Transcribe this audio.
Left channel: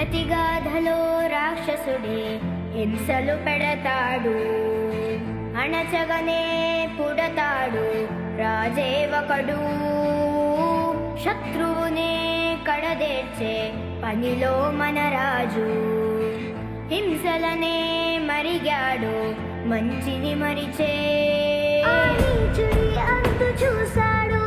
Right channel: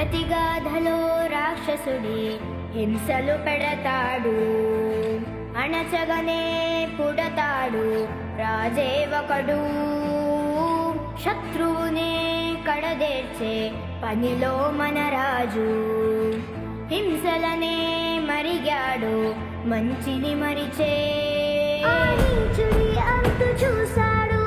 ప్రతిగాధలో రాక్షసుడే హింసలు పెడతాడు, అణచగనే పుడతాడు రాజే ఒకడు. శత్రువునే కడదేర్చే పనిలో మన రాజు, హింసలనే మరిగాడు మంచిని మరిచే. ఆ నీచుడి అంతు చూశాడు